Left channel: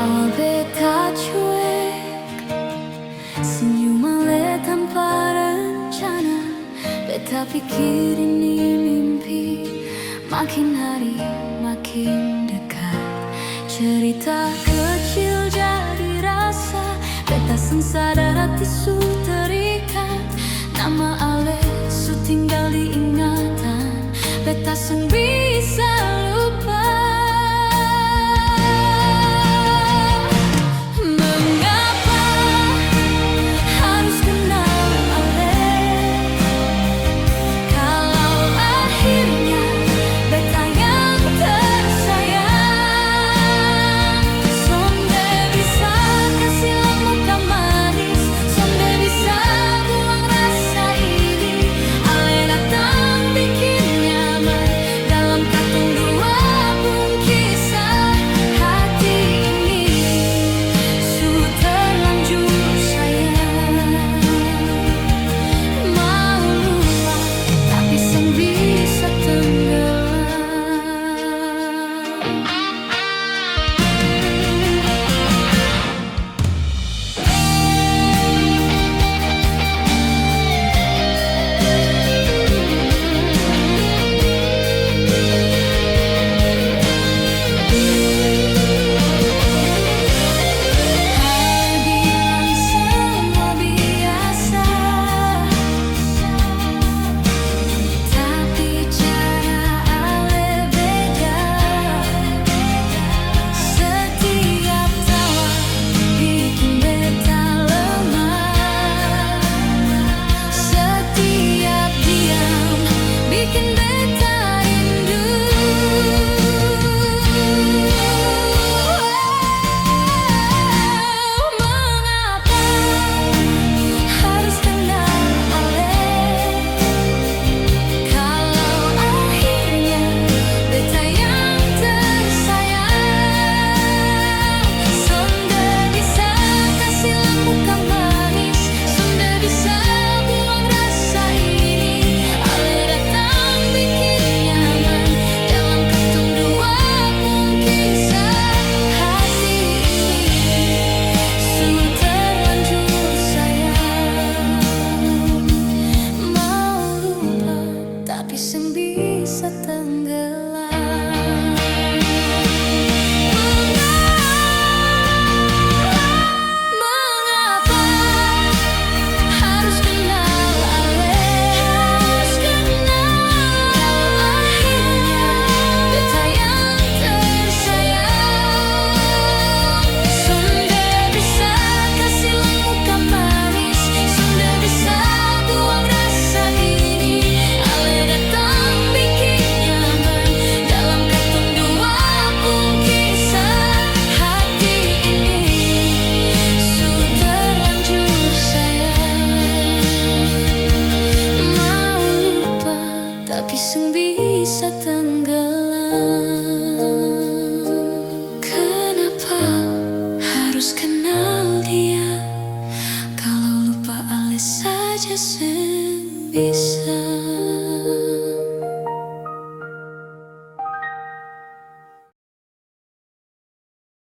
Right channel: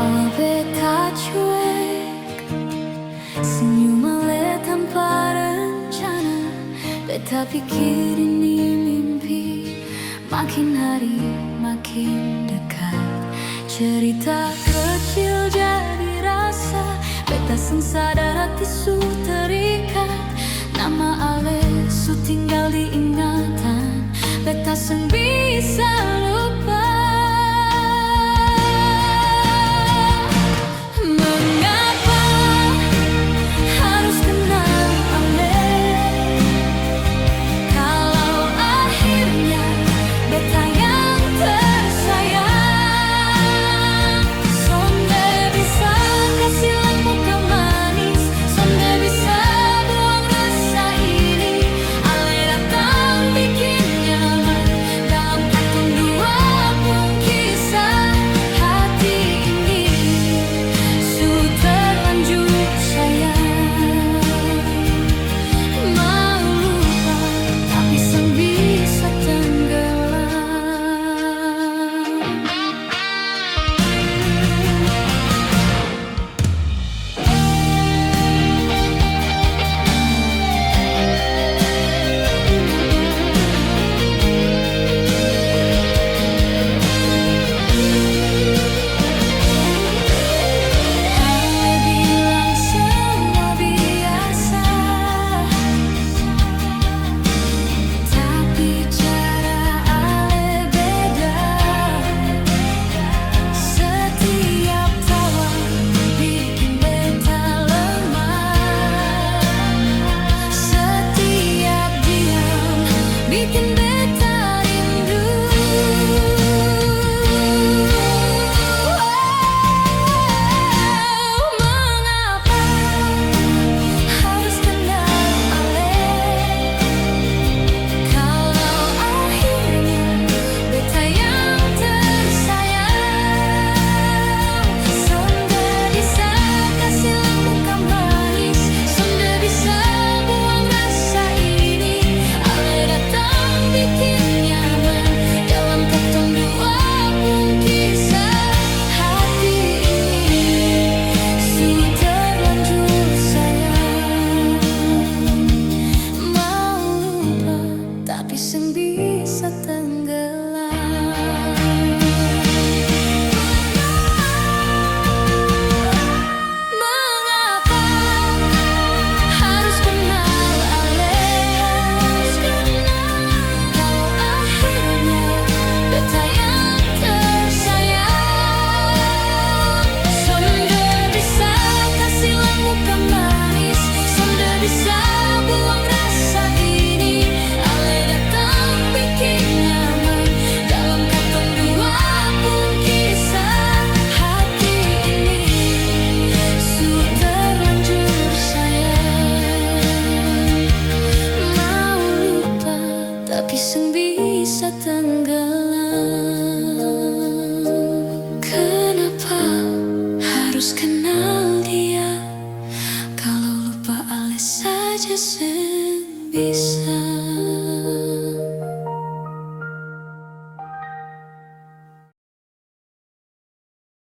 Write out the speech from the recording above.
Awal beta cuek, senyum ale tanpa rencana. Beta pikir ini mimpi, makin hari makin dekat. Cerita kecil jadi rasa, beta seng sadar hati su terikat. Nama ale su tinggal di ingatan, beta seng bisa lupa. Sang bisa tenggelam. Bikin beta rindu. Mengapa harus kenal ale, kalau akhirnya beta yang tersayang. Sonde bisa kasih lang muka manis, sonde bisa buang rasa ini. Ale datang bikin nyaman dalam katong dua pun kisah. Hati ini su terlanjur sayang, mau lupa tapi seng bisa tenggelam. Mengapa harus kenal ale, kalau akhirnya beta yang tersayang. Sonde bisa kasih lang muka manis, sonde bisa buang rasa ini. Ale datang bikin nyaman dalam katong dua pun kisah. Hati ini su terlanjur sayang, mau lupa tapi seng bisa tenggelam. Kenapa harus kenal dia, kalau lupa ale saja seng bisa.